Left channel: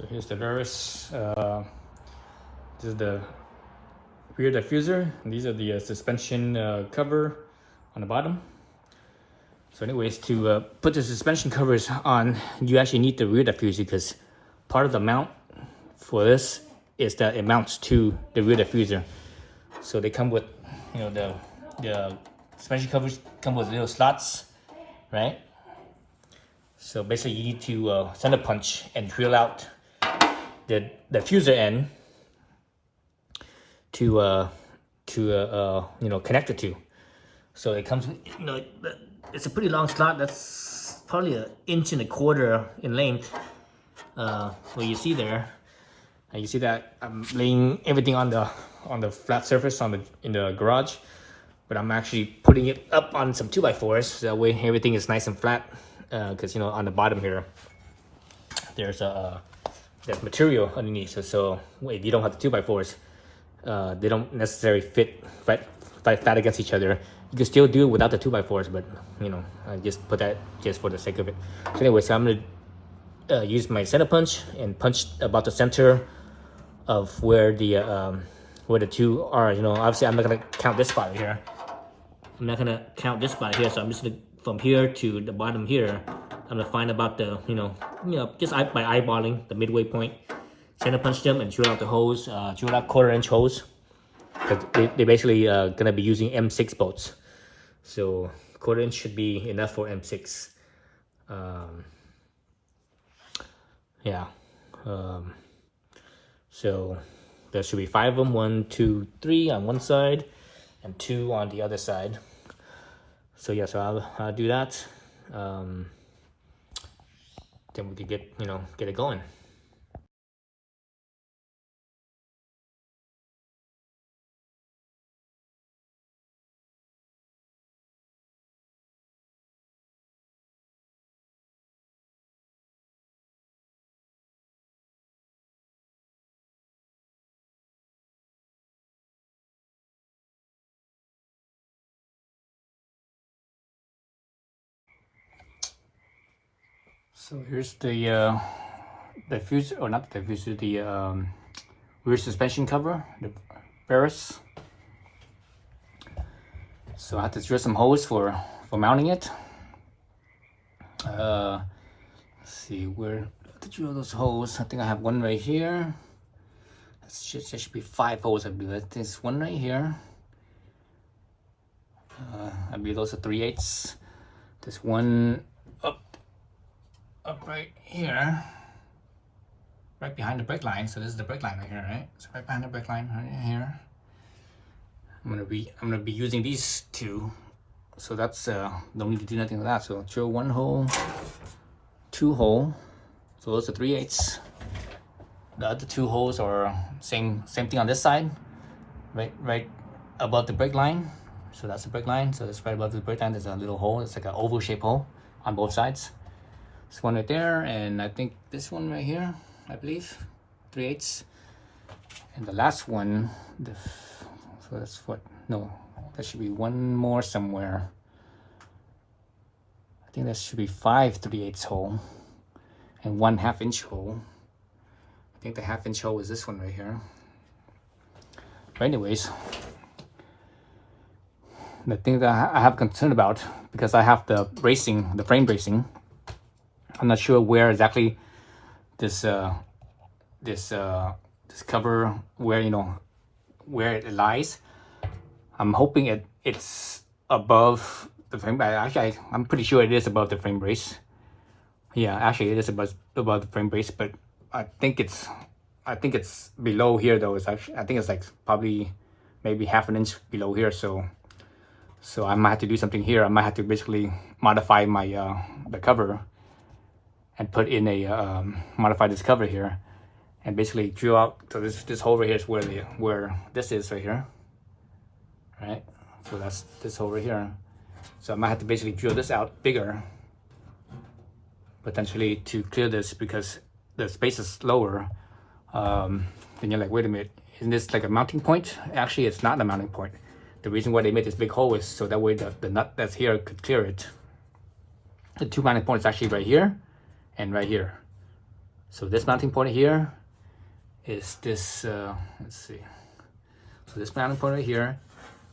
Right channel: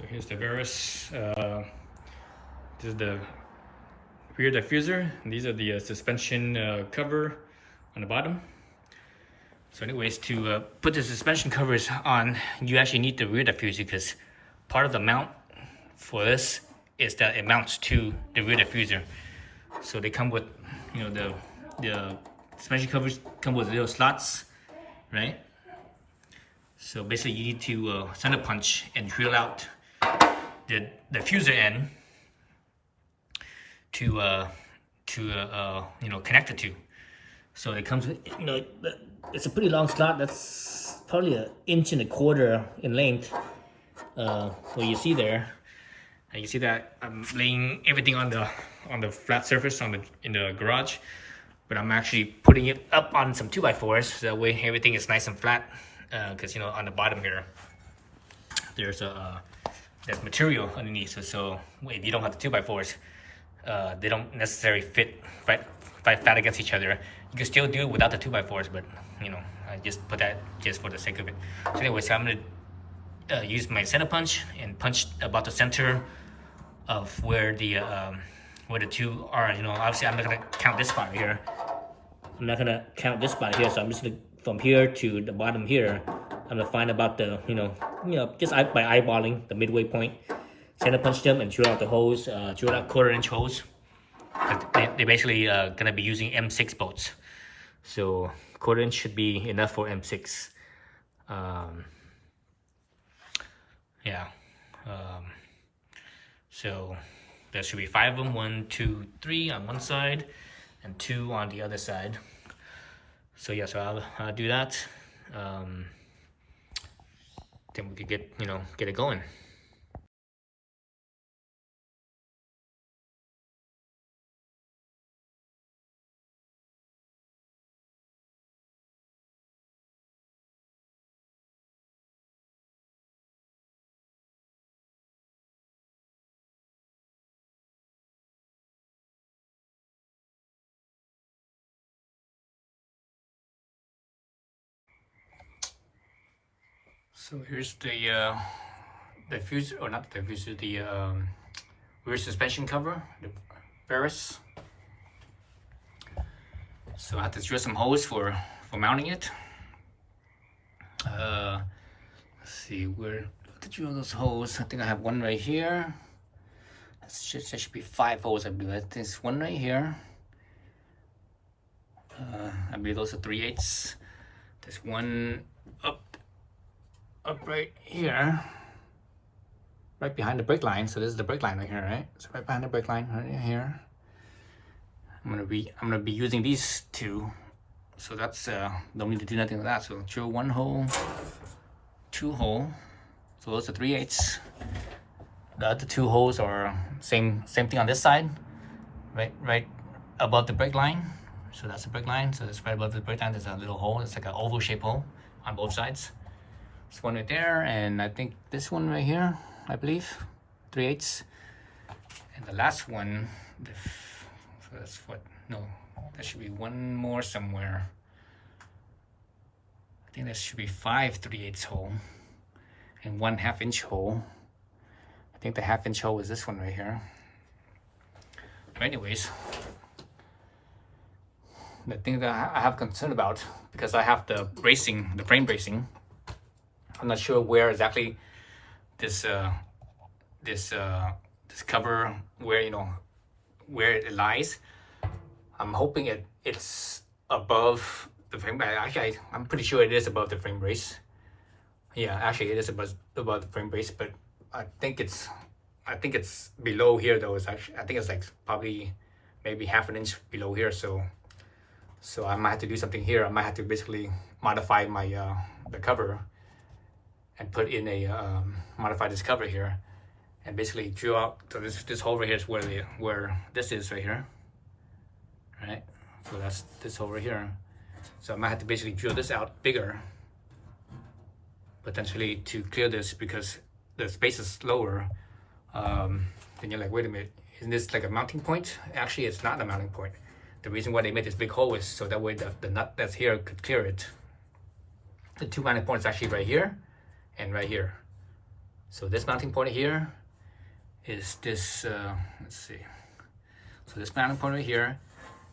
So here's the Verus. This is the rear diffuser. And these are the suspension cover on the bottom. So anyways, to put the suspension covers on, you actually need the rear diffuser because part of the mount for this is that it mounts to the rear diffuser. So they come with, you know, the suspension covers come with little slots, right? So basically you need to center punch and drill out the diffuser end to connect it to. So it comes with, it's a pretty long slot. That's probably 1.25 inches in length. So you see there, and you see that I'm laying everything on the flat surface in the garage, but I'm actually putting it up on some 2x4s. So that way everything is nice and flat. Because on the bottom here, there's material underneath. So if you don't have the 2x4s, they don't necessarily fit right flat against each other. You can still do it without the 2x4s, but I just put that just for the sake of it. So anyway, so I'm gonna use my center punch and punch about the center of where the two are. Obviously I'm not gonna count this spot here. I'm not gonna count this spot here, so I'm just gonna, from here to the bottom here, I'm gonna find about the just by eyeballing the midway point, center punch them and drill out the holes, drill out 1/4 inch holes, because they basically gonna be using M6 bolts, so 1/4 inch should be enough for M6. So there should be 5 of them, 1, 2, 3 on one side and 2 on the other side. So yeah, so I'll do that. Then we could get it going. So here's the diffuser, or not the diffuser, the rear suspension cover, the Verus. So I have to drill some holes for mounting it. Let's see where to drill those holes. I think I have one right here. There should be 5 holes, I believe. There's one right here. I believe those are 3/8. There's one up right here, right behind the brake line. So this is the brake line right here, right? So right behind the brake line right here. I'm gonna be using these two. So that's don't need to do nothing with that. So drill 1 hole, 2 hole. So those are 3/8. The other 2 holes are same thing on this side, right above the brake line. So that's the brake line. So that's right above the brake line. There's a little hole. It's like an oval shaped hole on both sides. This one right there, and I think this one right here, I believe, 3/8. And the last one, so that's what, no, there should be one more somewhere. I think there should be 5 3/8 hole and 1 1/2 inch hole. I think the 1/2 inch hole is this one right here. But anyways, the thing that I have concern about, because I have the bracing, the frame bracing, I'm not sure where exactly this cover, where it lies. I'm hoping it's above the frame. Actually, I'm pretty sure it is above the frame brace. Yeah, actually it is above the frame brace, but I think it's below here though. I think it's like probably maybe 1/2 inch below here. So I might have to do something here. I might have to basically modify my the cover and put in a modify this cover here, and basically drill out. So this hole right here is where this is right here, right? So that's this hole right here. So I might have to basically drill this out bigger, potentially, to clear this, because the space is lower. Then you're like, wait a minute, isn't this like a mounting point? Actually, it's not a mounting point. The reason why they made this big hole is so that way the nut that's here could clear it. The 2 mounting points actually right here and right here. So this mounting point here is this, let's see. So this mounting point right here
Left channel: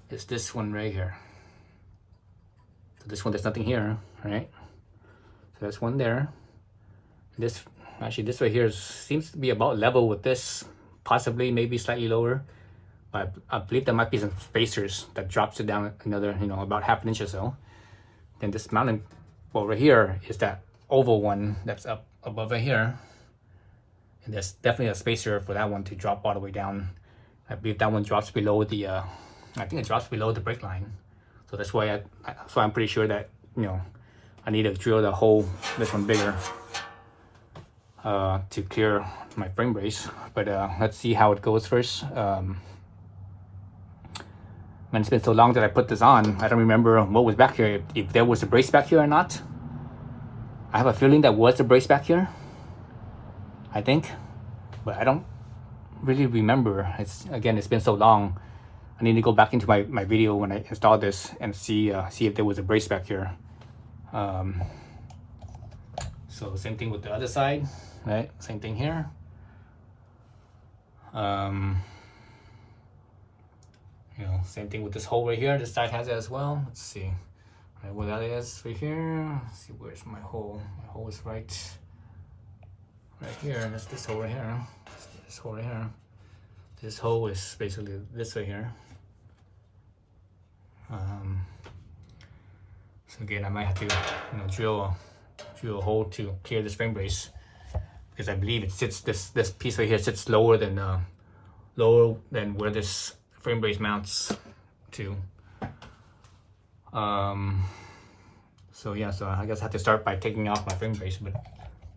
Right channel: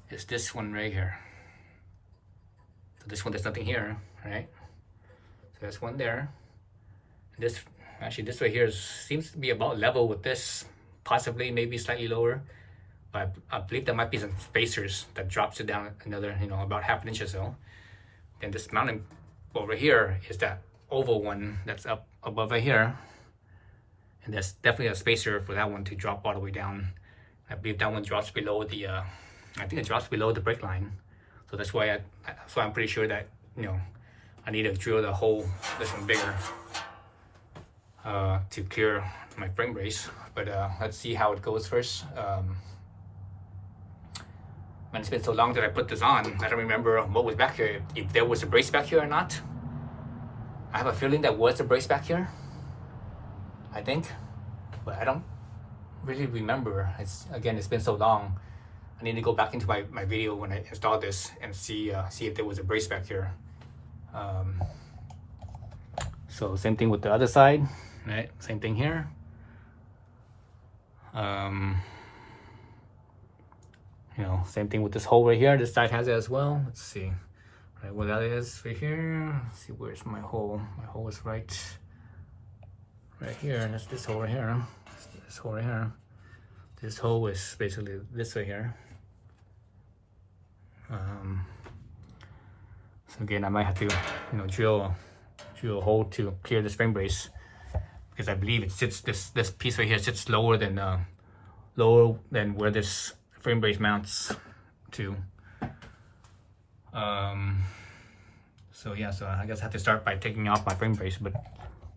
is this one right here. So this one, there's nothing here, right? So that's one there. This, actually this right here seems to be about level with this, possibly maybe slightly lower. But I believe there might be some spacers that drops it down another, about half an inch or so. Then this mounting over here is that oval one that's up above right here. And there's definitely a spacer for that one to drop all the way down. I believe that one drops below the, I think it drops below the brake line. So that's why I'm pretty sure that, I need to drill the hole, this one bigger, to clear my frame brace. But let's see how it goes first. When it's been so long that I put this on, I don't remember what was back here, if there was a brace back here or not. I have a feeling there was a brace back here, I think, but I don't really remember. It's been so long. I need to go back into my video when I installed this and see if there was a brace back here. So same thing with the other side, right? Same thing here. Same thing with this hole right here. This side has it as well. Let's see, right where that is right here. Let's see, where's my hole? My hole is right here. And that's this hole right here. This hole right here. This hole is basically this right here. So again, I might have to, drill a hole to clear this frame brace, because I believe it sits, this piece right here sits lower than where this frame brace mounts to. So yeah, so I guess I have to start by taking off my frame brace. But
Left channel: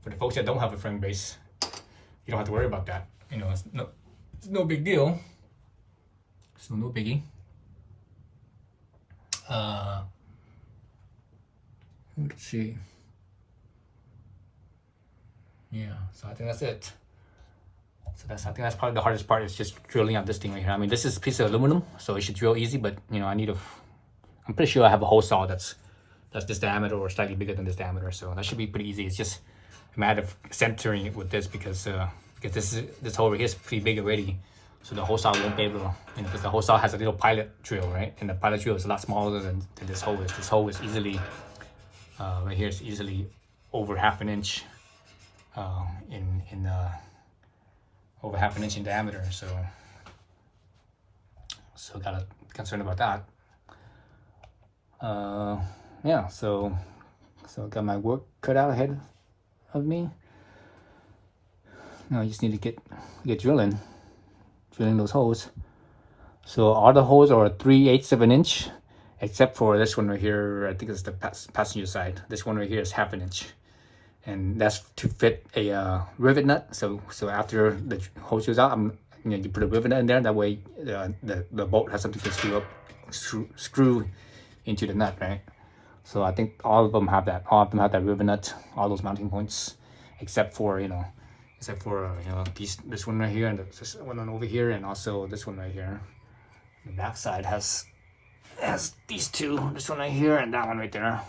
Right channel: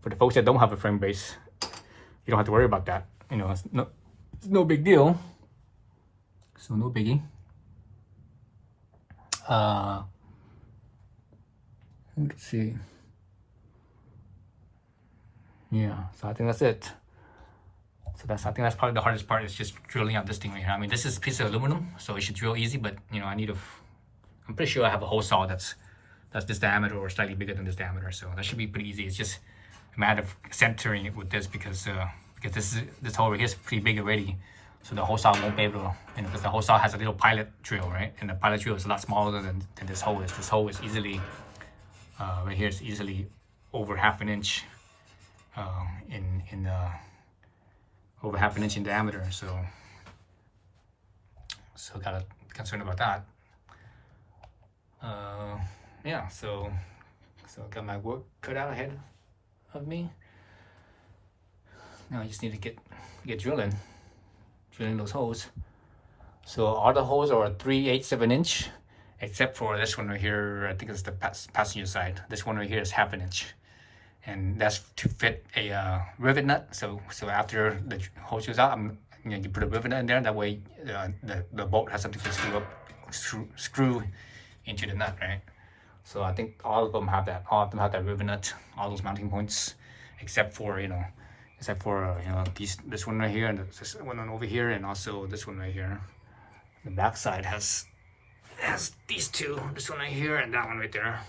for the folks that don't have a frame brace, you don't have to worry about that. It's no big deal. So no biggie. Let's see. Yeah, so I think that's it. So I think that's probably the hardest part, is just drilling out this thing right here. I mean, this is a piece of aluminum, so it should drill easy, but I'm pretty sure I have a hole saw that's this diameter or slightly bigger than this diameter, so that should be pretty easy. It's just a matter of centering it with this, because this hole right here is pretty big already, so the hole saw won't be able to, because the hole saw has a little pilot drill, right? And the pilot drill is a lot smaller than this hole is. This hole is easily, right here is easily over half an inch over half an inch in diameter, so gotta be concerned about that. Yeah, so got my work cut out ahead of me. Now I just need to get drilling those holes. So all the holes are 3/8 of an inch, except for this one right here. I think it's the passenger side. This one right here is half an inch, and that's to fit a rivet nut. So after the hole screws out, you put a rivet nut in there. That way, the bolt has something to screw into the nut, right? So I think all of them have that. All of them have that rivet nut. All those mounting points, except for this one right here, and this one over here, and also this one right here. The back side has these two. This one right here and that one right there.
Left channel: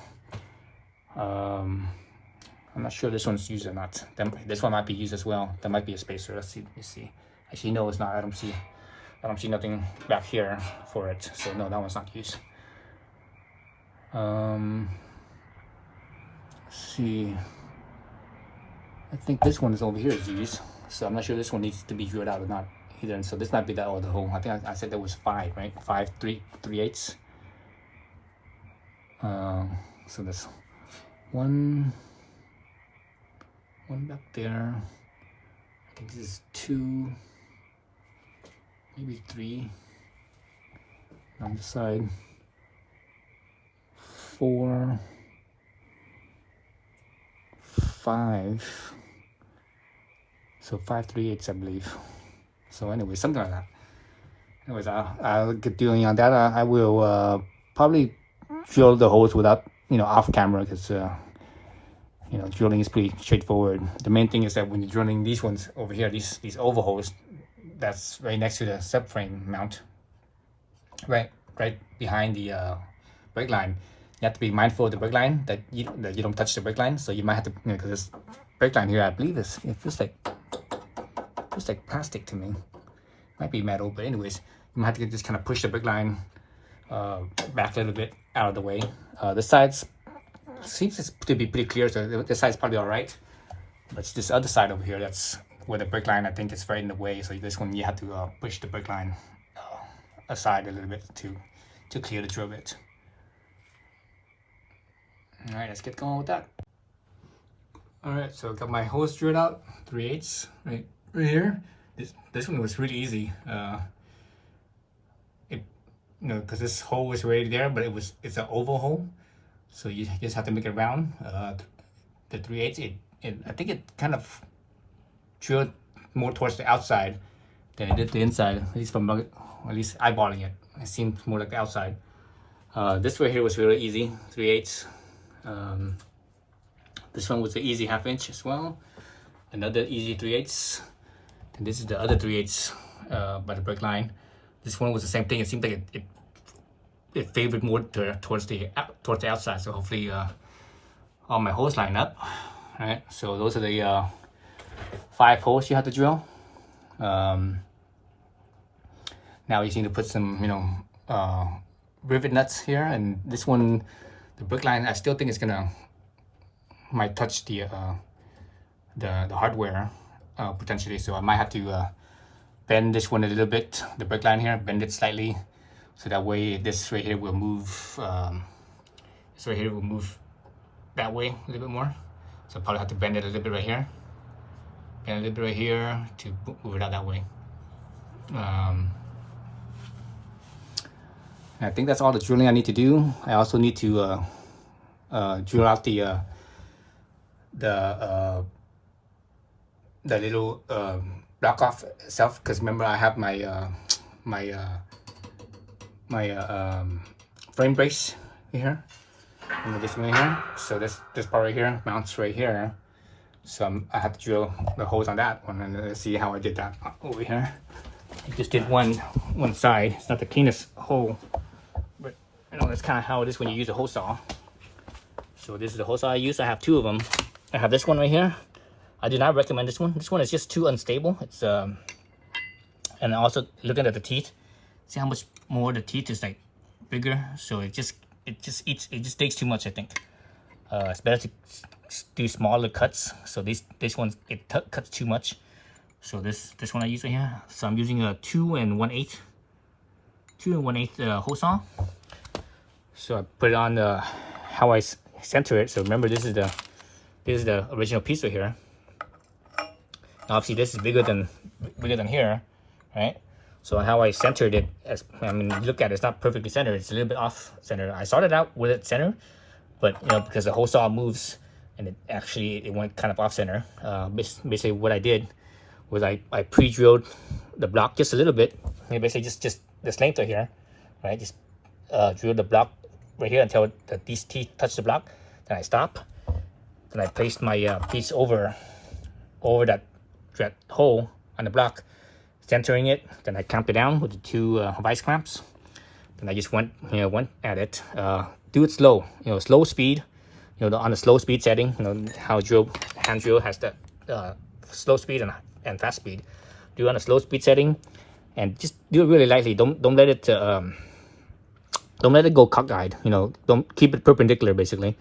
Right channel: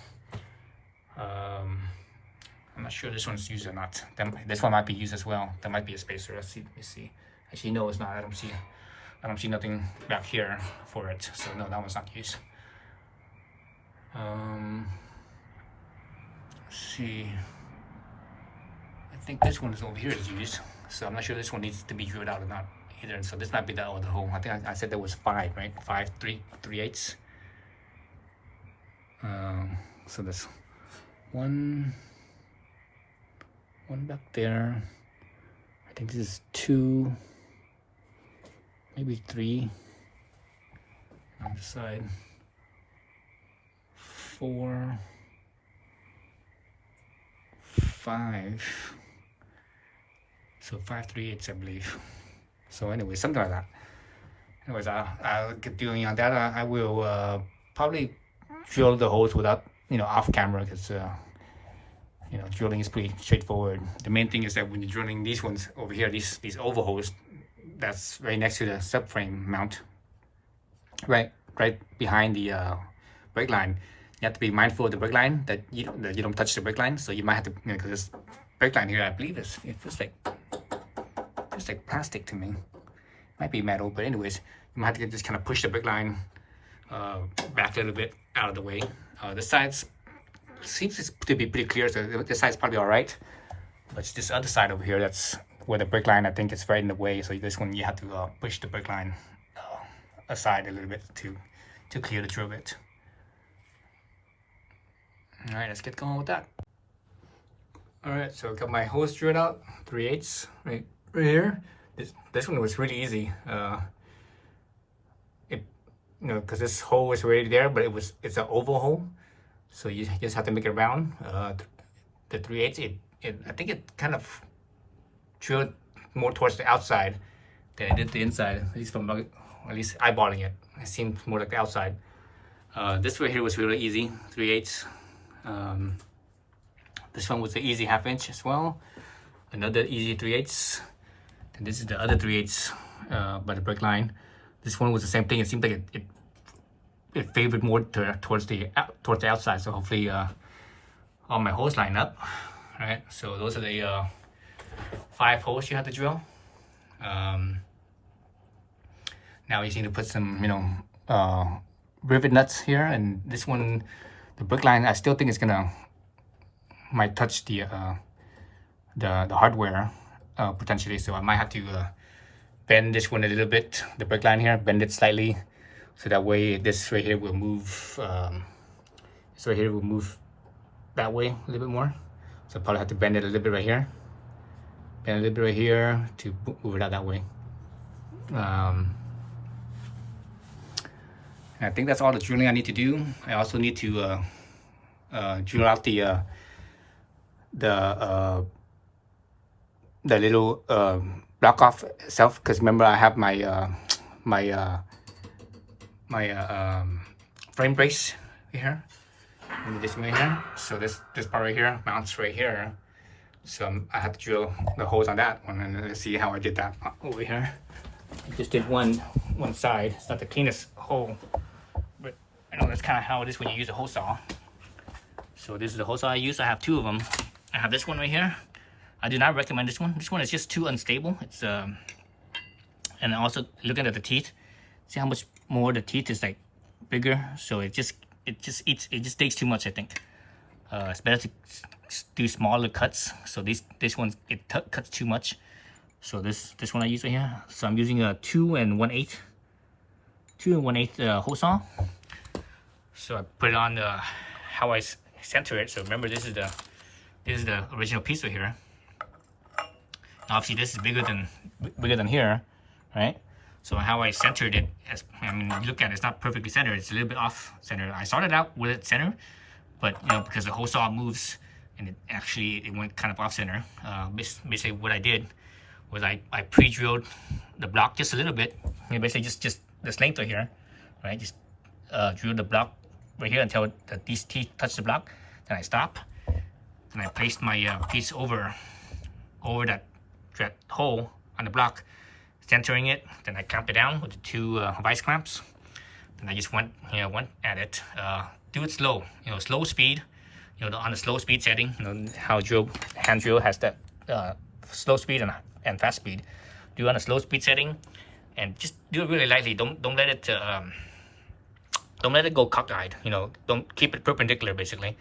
I'm not sure this one's used or not. This one might be used as well. That might be a spacer. Let's see. Actually, no, it's not. I don't see nothing back here for it. So no, that one's not used. Let's see. I think this one is over here is used. So I'm not sure this one needs to be drilled out or not either. And so this might be that other hole. I think I said there was 5, right? 5 3/8. So there's one back there. I think this is 2, maybe 3 on the side. 4, 5. So 5 3/8, I believe. So anyway, something like that. Anyways, I'll get doing on that. I will probably drill the holes without, off camera, because drilling is pretty straightforward. The main thing is that when you're drilling these ones over here, these oval holes, that's right next to the subframe mount, right behind the brake line. You have to be mindful of the brake line, that you don't touch the brake line. So you might have to, because brake line here, I believe it feels like plastic to me. Might be metal, but anyways, you might have to just kind of push the brake line back a little bit out of the way. The sides seems to be pretty clear, so this side's probably all right. But it's this other side over here that's where the brake line, I think, is right in the way. So this one you have to push the brake line aside a little bit to clear the drill bit. All right, let's get going with that. All right, so I got my hose drilled out, 3/8 right here. This one was really easy. Because this hole was already there, but it's an oval hole, so you just have to make it round. The 3/8, I think it kind of drilled more towards the outside than it did the inside. At least eyeballing it, it seemed more like the outside. This right here was really easy, 3/8. This one was the easy 1/2 inch as well. Another easy 3/8. And this is the other 3/8 by the brake line. This one was the same thing. It seemed like it favored more towards the outside. So hopefully all my holes line up. All right. So those are the 5 holes you have to drill. Now you just need to put some, rivet nuts here. And this one, the brake line, I still think it's might touch the hardware potentially. So I might have to bend this one a little bit, the brake line here, bend it slightly, so that way this right here will move. This right here will move that way a little bit more. So I'll probably have to bend it a little bit right here, bend a little bit right here to move it out that way. And I think that's all the drilling I need to do. I also need to drill out the little block off itself, because remember I have my frame brace here. And this one right here. So this part right here mounts right here. So I have to drill the holes on that one, and let's see how I did that over here. I just did one side. It's not the cleanest hole, but I know that's kind of how it is when you use a hole saw. So this is the hole saw I use. I have 2 of them. I have this one right here. I do not recommend this one. This one is just too unstable. It's and also looking at the teeth, see how much more the teeth is like bigger. So it just takes too much, I think. It's better to do smaller cuts. So this one cuts too much. So this one I use right here. So I'm using a 2 1/8 hole saw. So I put it on how I center it. So remember, this is the original piece right here. Obviously this is bigger than here, right? So how I centered it, look at it, it's not perfectly centered. It's a little bit off center. I started out with it center, but because the hole saw moves, and it went kind of off center. Basically what I did was I pre-drilled the block just a little bit. Basically just this length right here, right? Just drill the block right here until these teeth touch the block. Then I stop. Then I placed my piece over that hole on the block, centering it. Then I clamped it down with the 2 vice clamps. Then I just went at it. Do it slow, slow speed. On the slow speed setting. How hand drill has that slow speed and fast speed. Do it on a slow speed setting, and just do it really lightly. Don't let it go cockeyed. Don't keep it perpendicular. Basically,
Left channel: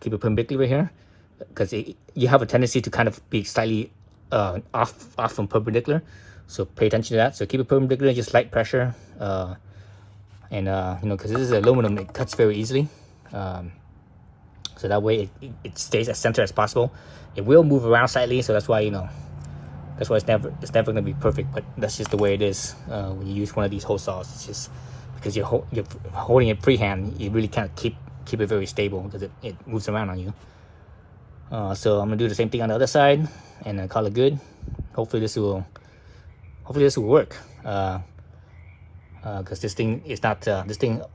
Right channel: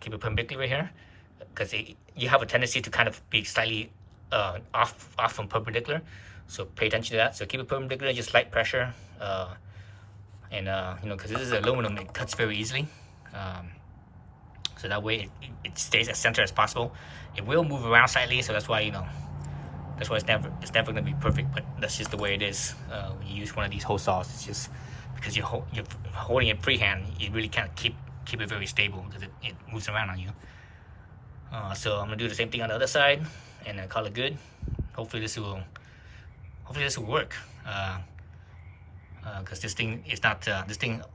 keep it perpendicular here, because you have a tendency to kind of be slightly off from perpendicular. So pay attention to that. So keep it perpendicular, just light pressure, because this is aluminum, it cuts very easily. So that way it stays as center as possible. It will move around slightly, so that's why it's never going to be perfect. But that's just the way it is when you use one of these hole saws. It's just because you're holding it freehand, you really can't keep it very stable, because it moves around on you. So I'm gonna do the same thing on the other side, and then call it good. Hopefully this will work. Because this thing is not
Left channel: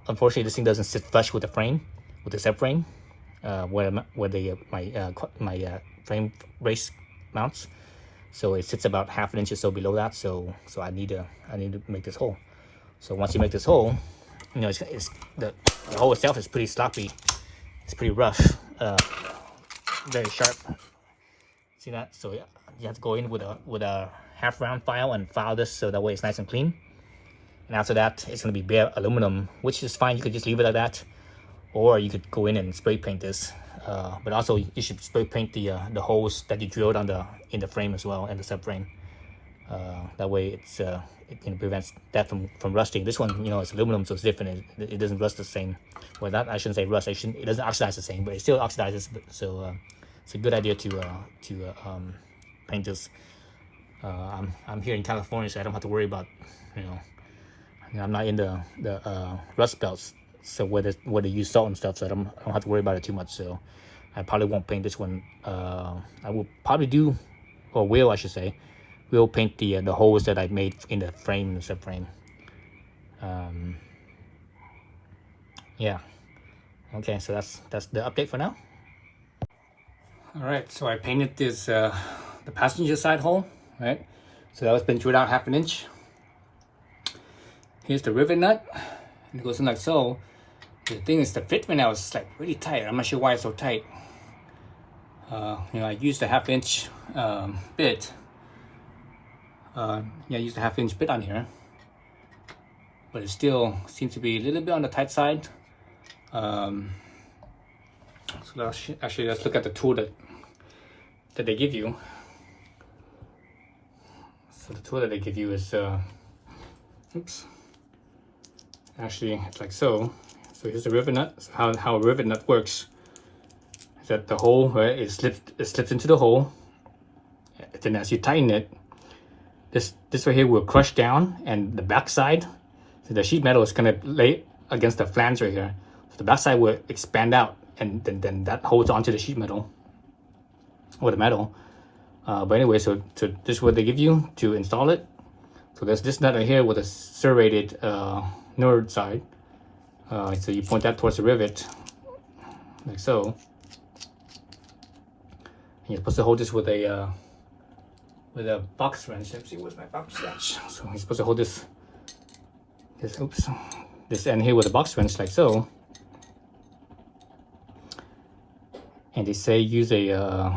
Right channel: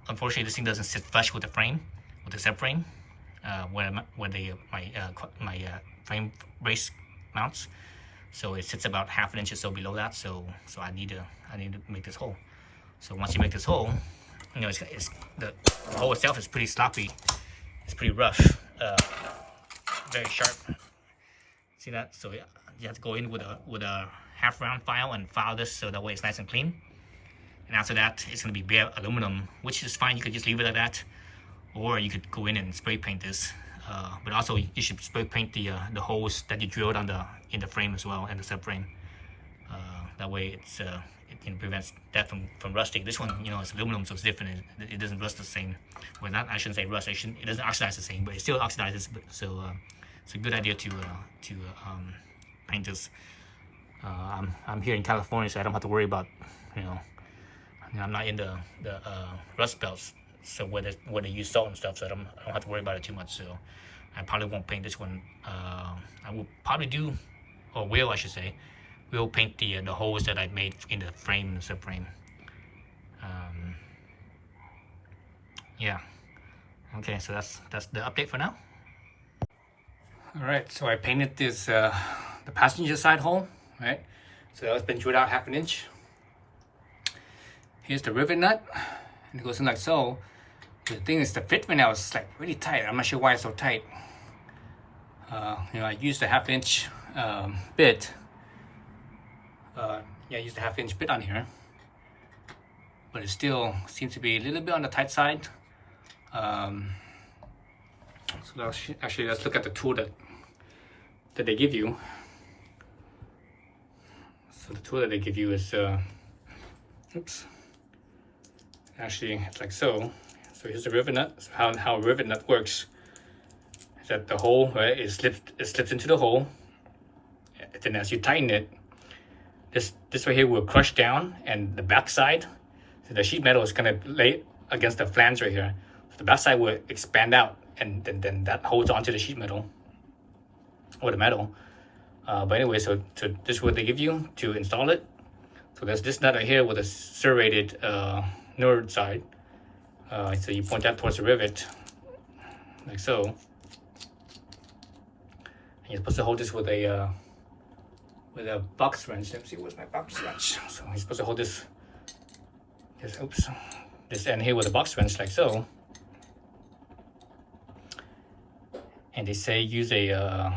unfortunately this thing doesn't sit flush with the frame, with the subframe, where my frame brace mounts. So it sits about 1/2 inch or so below that. So I need to make this hole. So once you make this hole, it's the hole itself is pretty sloppy. It's pretty rough, very sharp. See that? So you have to go in with a half round file and file this so that way it's nice and clean. And after that, it's going to be bare aluminum, which is fine. You could just leave it like that, or you could go in and spray paint this. But also, you should spray paint the holes that you drilled in the frame as well, and the subframe. That way, it prevents that from rusting. This one, it's aluminum, so it's different. It doesn't rust the same. Well, that I shouldn't say rust. It doesn't oxidize the same, but it still oxidizes. So it's a good idea to paint this. I'm here in California, so I don't have to worry about I'm not in the rust belts, so where they use salt and stuff, so I don't have to worry about it too much. So I probably won't paint this one. I will probably do, or will I should say, will paint the holes that I made in the frame and subframe. Yeah. Okay, so that's the update for now. All right, so I painted this the passenger side hole, right? So that was been drilled out 1/2 inch. Here's the rivet nut, and it goes in like so. The thing is, the fit right now is like really tight. I'm not sure why it's so tight. I used a 1/2 inch bit. I used a 1/2 inch bit on here, but it still seems to be a little bit on the tight side. So actually, let's look at the tool that they give you. So the tool that they give you is, oops. Actually, it's like so. So here's the rivet nut. So how a rivet nut works is that the hole, right, it slips into the hole. And then as you tighten it, this right here will crush down, and the back side, so the sheet metal is gonna lay against the flange right here. So the back side will expand out, and then that holds onto the sheet metal or the metal. But anyway, so this is what they give you to install it. So there's this nut right here with a serrated nerd side. So you point that towards the rivet, like so. And you're supposed to hold this with a box wrench. Let me see, where's my box wrench? So you're supposed to hold this end here with a box wrench, like so. And they say use a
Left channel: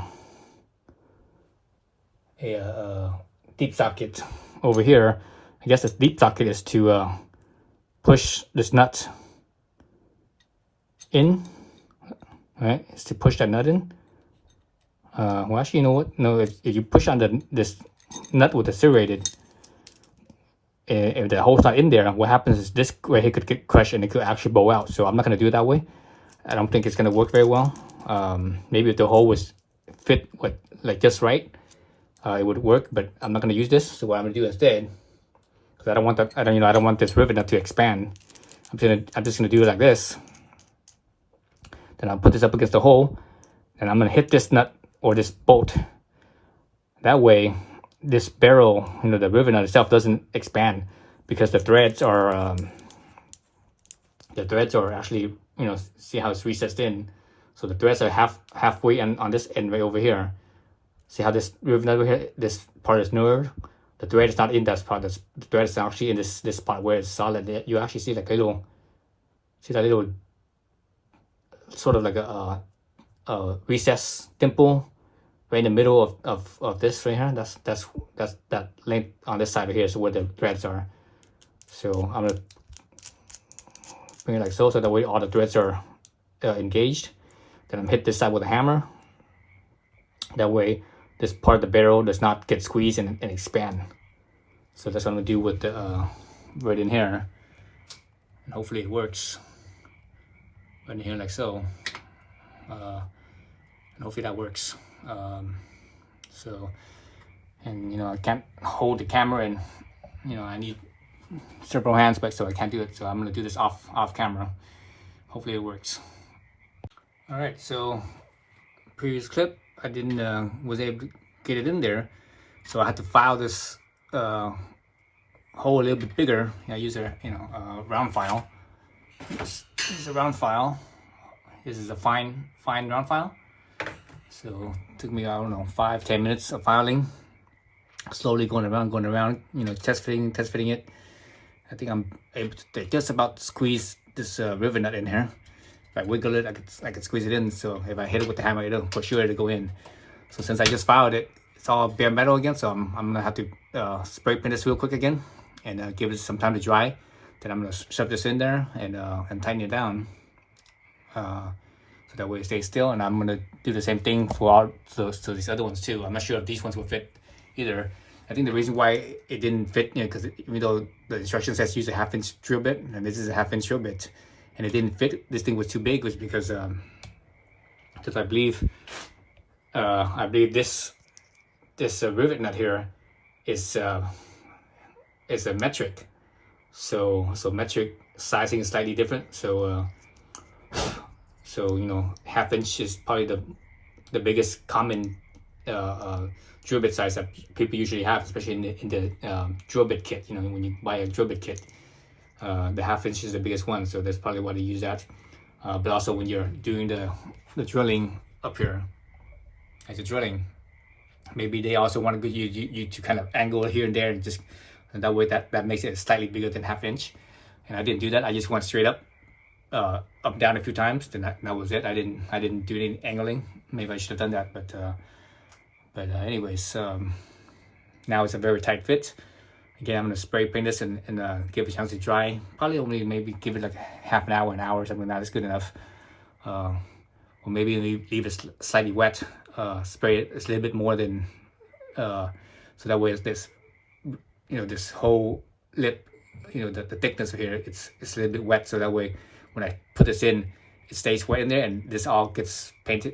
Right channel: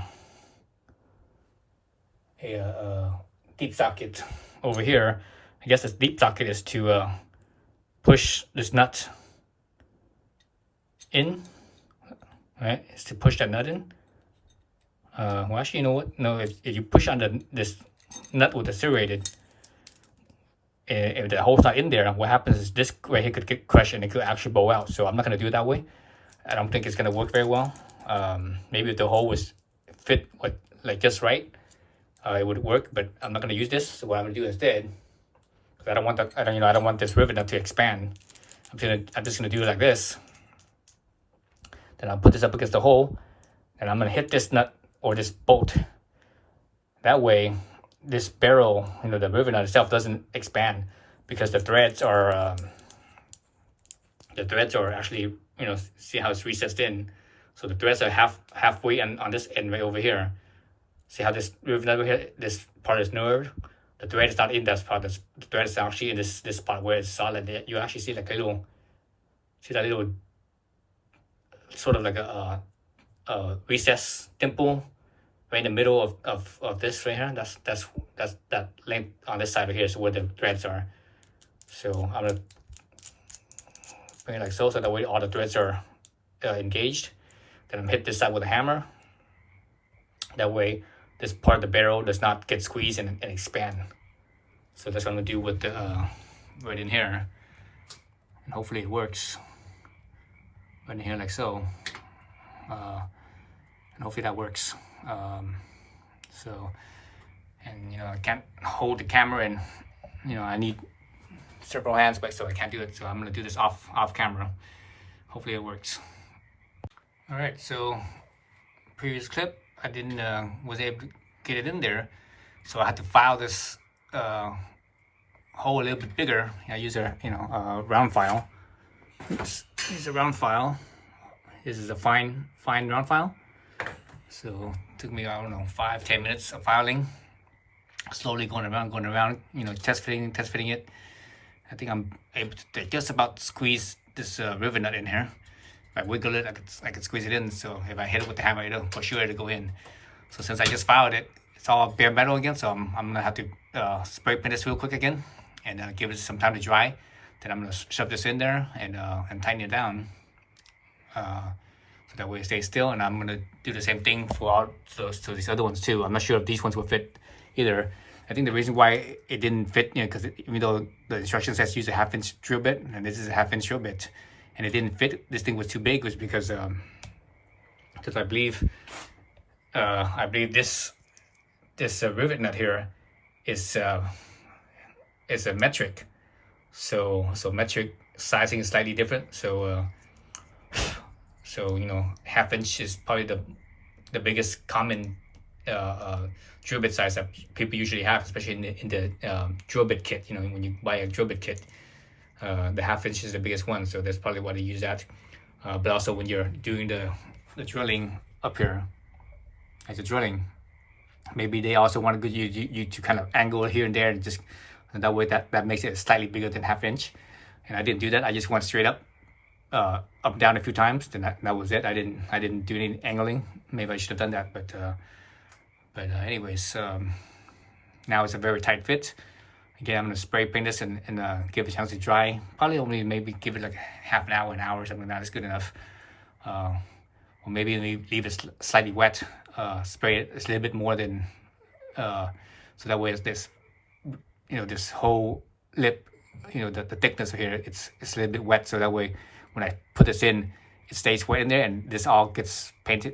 deep socket over here. I guess this deep socket is to push this nut in, right? It's to push that nut in. Well, actually, you know what? No, if you push on this nut with the serrated, if the hole's not in there, what happens is this right here could get crushed and it could actually bow out. So I'm not going to do it that way. I don't think it's going to work very well. Maybe if the hole was fit with like just right, it would work. But I'm not going to use this. So what I'm going to do instead, because I don't want this rivet nut to expand. I'm just going to do it like this. Then I'll put this up against the hole, and I'm going to hit this nut or this bolt. That way, this barrel, the rivet nut itself doesn't expand, because the threads are actually, see how it's recessed in. So the threads are halfway on this end right over here. See how this rivet nut over here, this part is nerved. The thread is not in that part. The thread is actually in this part where it's solid. You actually see like a little, sort of like a recess dimple right in the middle of this right here. That's that length on this side right here, so where the threads are. So I'm gonna bring it like so that way all the threads are engaged. Then I'm hit this side with a hammer. That way this part of the barrel does not get squeezed and expand. So that's what I'm gonna do with the right in here, and hopefully it works. Right in here like so, and hopefully that works. And I can't hold the camera, and I need several hands, but so I can't do it. So I'm gonna do this off camera. Hopefully it works. All right, so previous clip I didn't was able to get it in there, so I had to file this hole a little bit bigger. I use a round file. This is a round file. This is a fine round file. So it took me, I don't know, 5-10 minutes of filing, slowly going around, test fitting it. I think I'm able to just about squeeze this rivet nut in here. If I wiggle it, I could squeeze it in. So if I hit it with the hammer, for sure it'll go in. So since I just filed it, it's all bare metal again. So I'm gonna have to spray paint this real quick again, and give it some time to dry. Then I'm gonna shove this in there and tighten it down, so that way it stays still. And I'm gonna do the same thing for all these other ones too. I'm not sure if these ones will fit either. I think the reason why it didn't fit, because even though the instruction says use a 1/2-inch drill bit, and this is a 1/2-inch drill bit, and it didn't fit, this thing was too big, was because I believe this rivet nut here is a metric, so metric sizing is slightly different. So 1/2-inch is probably the biggest common drill bit size that people usually have, especially in the drill bit kit. When you buy a drill bit kit, the 1/2-inch is the biggest one, so that's probably why they use that. But also when you're doing the drilling up here, as you're drilling, maybe they also want you to kind of angle it here and there, and that way that makes it slightly bigger than 1/2-inch. And I didn't do that. I just went straight up down a few times. Then that was it. I didn't do any angling. Maybe I should have done that, but anyways, now it's a very tight fit. Again, I'm gonna spray paint this and give it a chance to dry. Probably only maybe give it like half an hour, an hour, or something like that. It's good enough. Or maybe leave it slightly wet. Spray it a little bit more than so that way it's this whole lip, the thickness here, it's a little bit wet, so that way when I put this in, it stays wet in there, and this all gets paint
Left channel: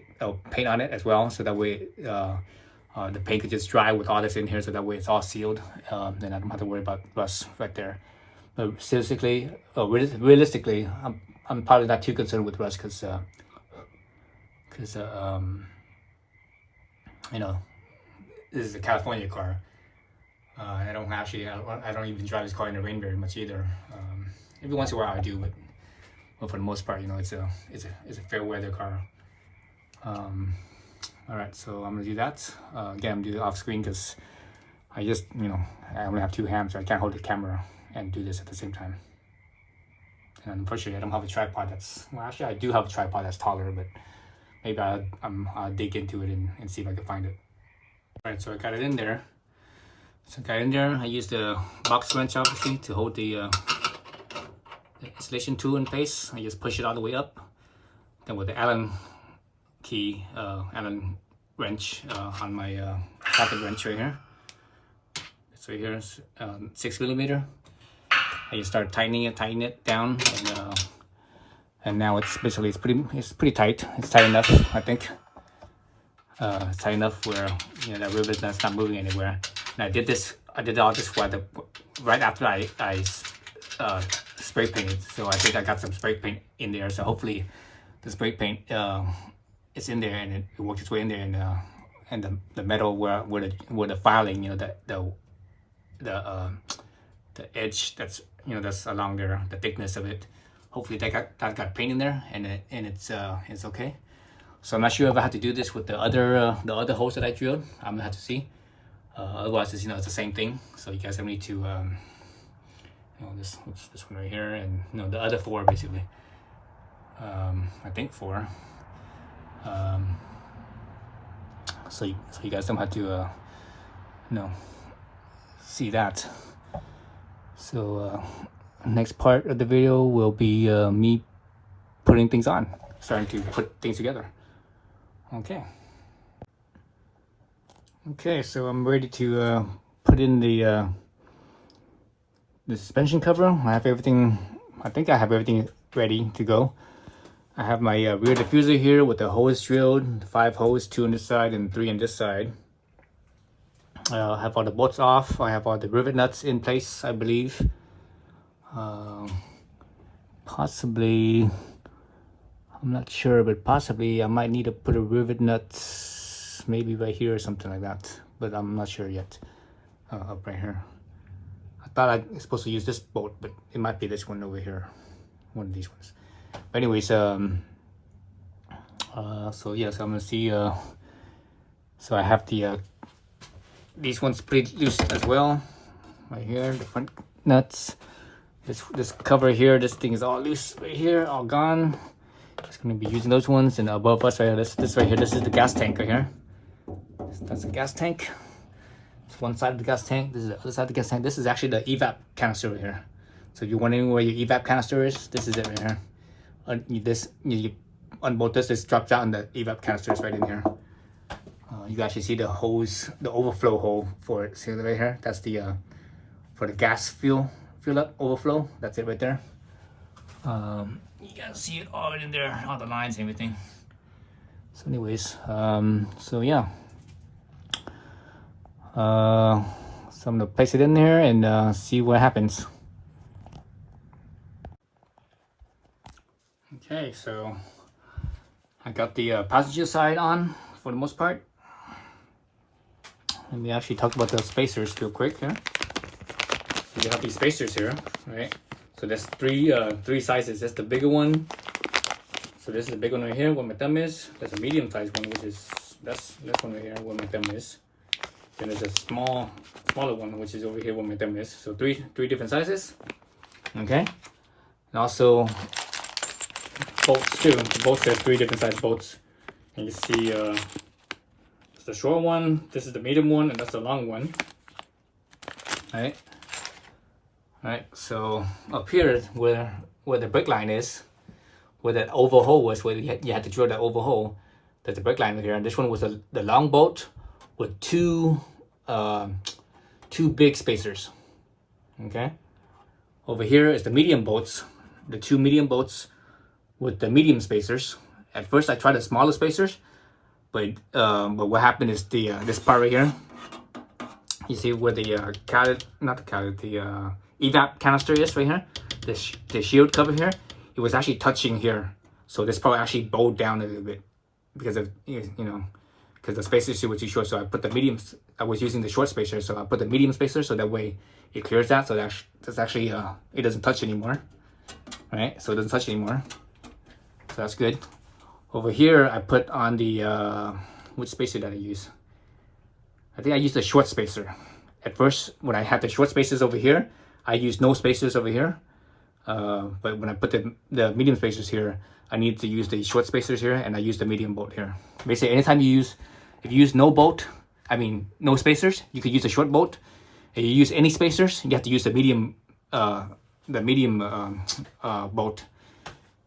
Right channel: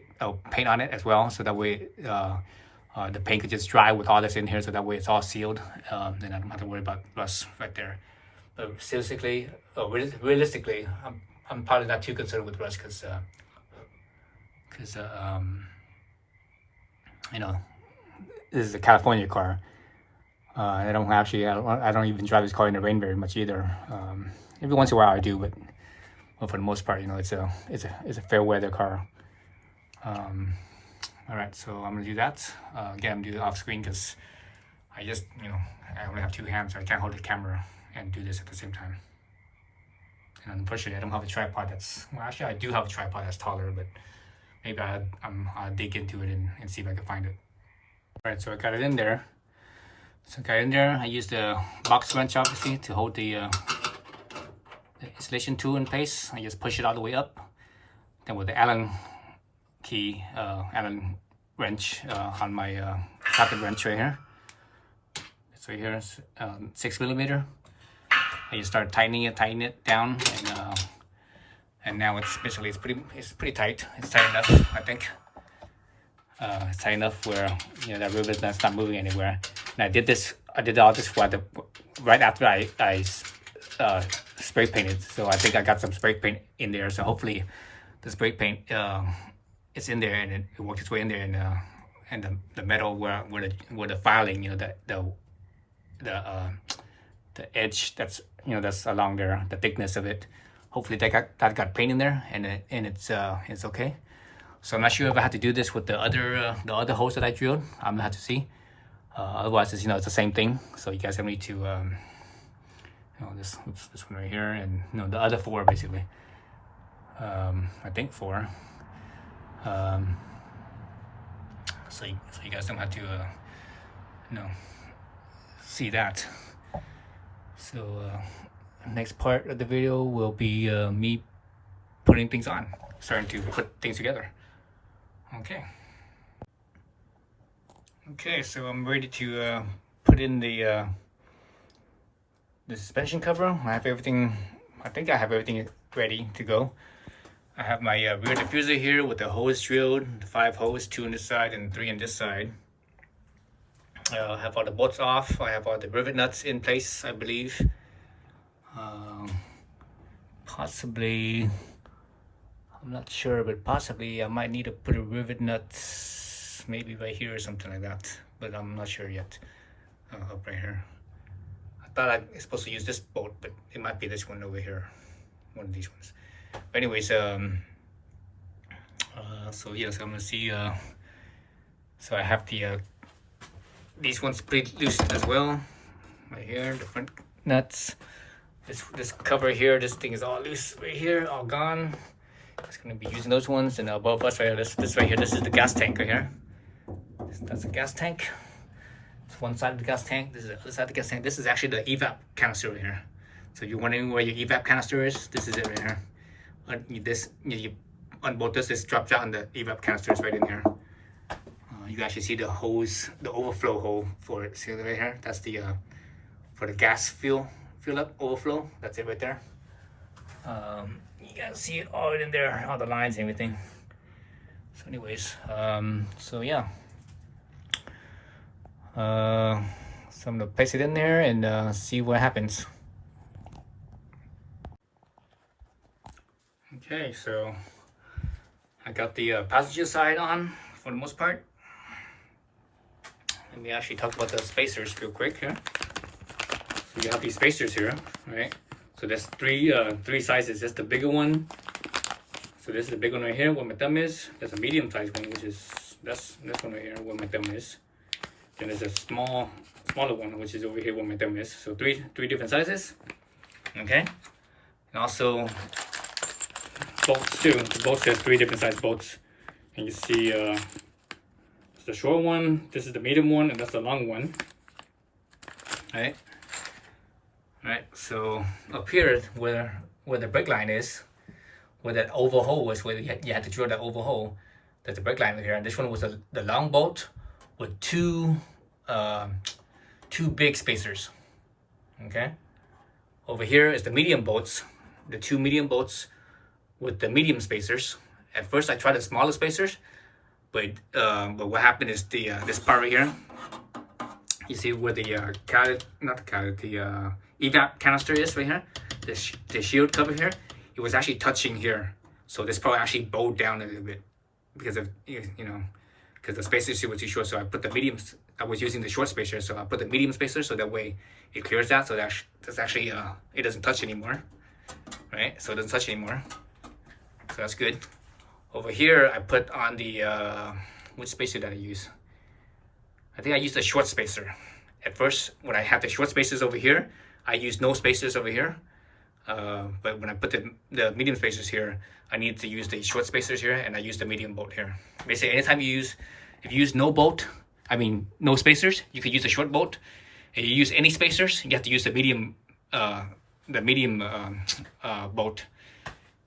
on it as well, so that way the paint could just dry with all this in here, so that way it's all sealed. Then I don't have to worry about rust right there. But realistically, I'm probably not too concerned with rust, because this is a California car. I don't even drive this car in the rain very much either. Every once in a while I do, but for the most part, it's a fair weather car. All right, so I'm gonna do that. Again, I'm doing it off screen because I only have two hands, so I can't hold the camera and do this at the same time. And unfortunately, I don't have a tripod actually I do have a tripod that's taller, but maybe I'll dig into it and see if I can find it. All right, so I got it in there. I used the box wrench, obviously, to hold the installation tool in place. I just push it all the way up. Then with the Allen key, Allen wrench on my socket wrench right here. So here's 6mm. I just started tightening it down, and now it's pretty tight. It's tight enough, I think. It's tight enough where that rivet that's not moving anywhere. And I did all this right after I spray painted. So I think I got some spray paint in there. So hopefully the spray paint is in there, and it works its way in there, and the metal where the filing, the edge that's along there, the thickness of it. Hopefully that got paint in there, and it's okay. So I'm not sure if I have to do this with the other holes that I drilled. I'm gonna have to see. Otherwise, it's the same thing. So you guys have need to this one right here, and the other 4 basically. I think 4. So you guys don't have to see that. So next part of the video will be me putting things on, starting to put things together. Okay, so I'm ready to put in the suspension cover. I think I have everything ready to go. I have my rear diffuser here with the hose drilled, 5 holes, 2 on this side and 3 on this side. I have all the bolts off. I have all the rivet nuts in place, I believe. Possibly, I'm not sure, but possibly I might need to put a rivet nuts maybe right here or something like that, but I'm not sure yet. Up right here. I thought I was supposed to use this bolt, but it might be this one over here, one of these ones. But anyways, so yes, I'm gonna see. So I have these ones pretty loose as well, right here, the front nuts. This cover here, this thing is all loose right here, all gone. Just gonna be using those ones, and above us right here, this right here, this is the gas tank right here. That's the gas tank. It's one side of the gas tank. This is the other side of the gas tank. This is actually the evap canister right here. So you're wondering where your evap canister is? This is it right here. You unbolt this drops out, and the evap canister is right in here. You can actually see the hose, the overflow hole for it. See it right here? That's the for the gas fuel up overflow. That's it right there. You can see it all in there, all the lines and everything. So anyways, so yeah. So I'm gonna place it in there and see what happens. Okay, so I got the passenger side on for the most part. Let me actually talk about the spacers real quick here. So you have these spacers here, right? So there's three sizes. That's the bigger one. So this is the big one right here where my thumb is. There's a medium sized one, which is this one right here where my thumb is. Then there's a smaller one, which is over here where my thumb is. So three different sizes. Okay. And also bolts too. The bolts has 3 different size bolts. And you see the short one, this is the medium one, and that's the long one. Alright. Alright, so up here where the brake line is, where that oval hole was, where you had to drill that oval hole, there's a brake line here. And this one was the long bolt with two big spacers. Okay. Over here is the medium bolts, the 2 medium bolts with the medium spacers. At first I tried the smaller spacers, but what happened is the this part right here, you see where the evap canister is right here, the shield cover here, it was actually touching here. So this part actually bowed down a little bit because of, because the spacers here were too short. So I put the medium, I was using the short spacer, so I put the medium spacer so that way it clears that. So that's actually, it doesn't touch anymore, right? So it doesn't touch anymore. So that's good. Over here, I put on the, which spacer did I use? I think I used the short spacer. At first, when I had the short spacers over here, I used no spacers over here. But when I put the medium spacers here, I need to use the short spacers here, and I use the medium bolt here. Basically, anytime if you use no no spacers, you could use the short bolt. If you use any spacers, you have to use the medium bolt.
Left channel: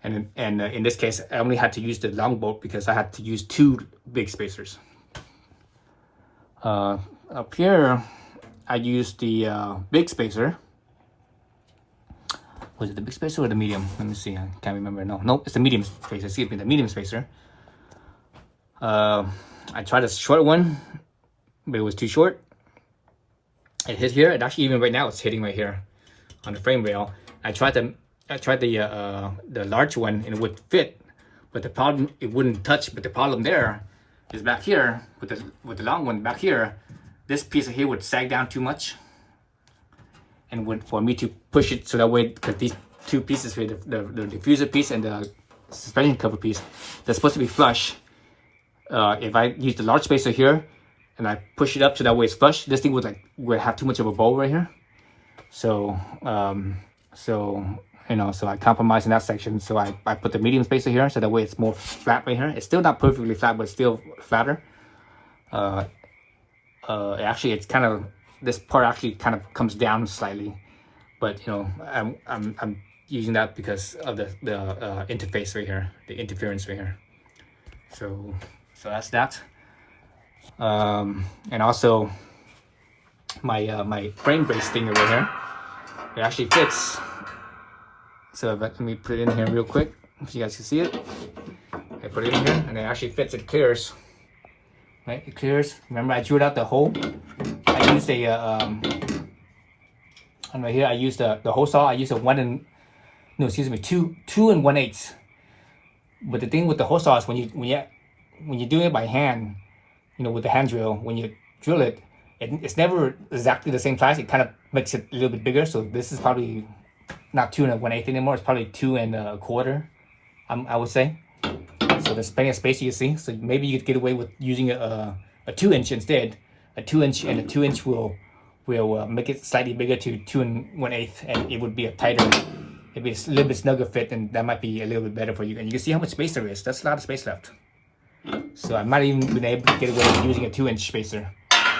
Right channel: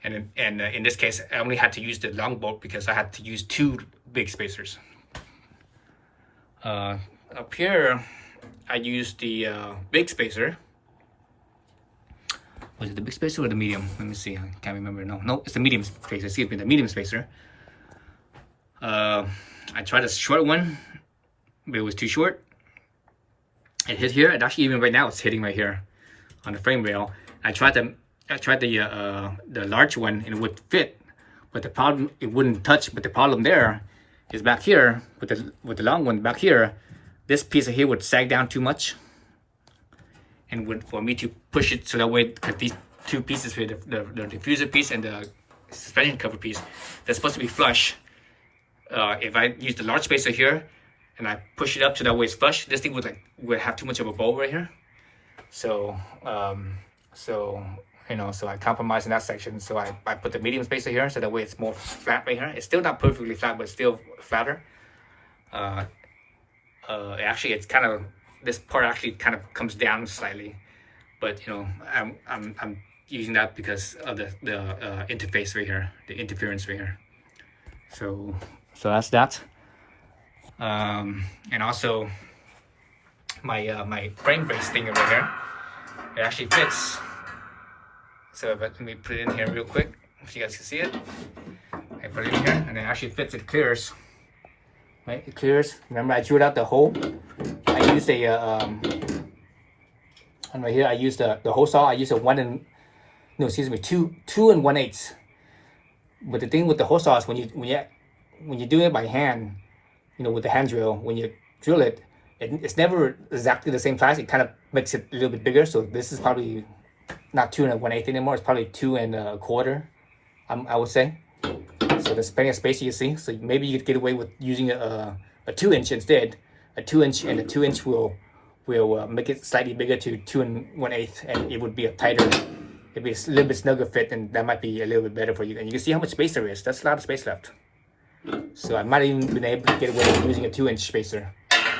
And in this case, I only had to use the long bolt because I had to use 2 big spacers. Up here, I used the big spacer. Was it the big spacer or the medium? Let me see. I can't remember. No, it's the medium spacer. Excuse me, the medium spacer. I tried a short one, but it was too short. It hit here. It actually, even right now, it's hitting right here on the frame rail. I tried the large one and it would fit, but the problem, it wouldn't touch. But the problem there is back here with the long one back here. This piece of here would sag down too much, and for me to push it so that way, because these 2 pieces here, the diffuser piece and the suspension cover piece, they're supposed to be flush. If I use the large spacer here and I push it up so that way it's flush, this thing would have too much of a bow right here. So so I compromised in that section. So I put the medium spacer here so that way it's more flat right here. It's still not perfectly flat, but still flatter. Actually, it's kind of, this part actually kind of comes down slightly, but I'm using that because of the interface right here, the interference right here. So that's that. And also my frame brace thing right here, it actually fits. So let me put it in here real quick so you guys can see it. I put it in here and it actually fits. It clears. Right, it clears. Remember, I drilled out the hole. I used and right here I used the hole saw. I used a 2 and 1/8. But the thing with the hole saw is when you do it by hand, with the hand drill, when you drill it, it's never exactly the same size. It kind of makes it a little bit bigger. So this is probably not 2 and 1/8 anymore. It's probably 2 and 1/4. I would say. So there's plenty of space, you see. So maybe you could get away with using a 2-inch instead. A 2-inch, and a 2-inch will make it slightly bigger to 2 and 1/8, and it would be it'd be a little bit snugger fit, and that might be a little bit better for you. And you can see how much space there is. That's a lot of space left. So I'm not even been able to get away with using a 2-inch spacer.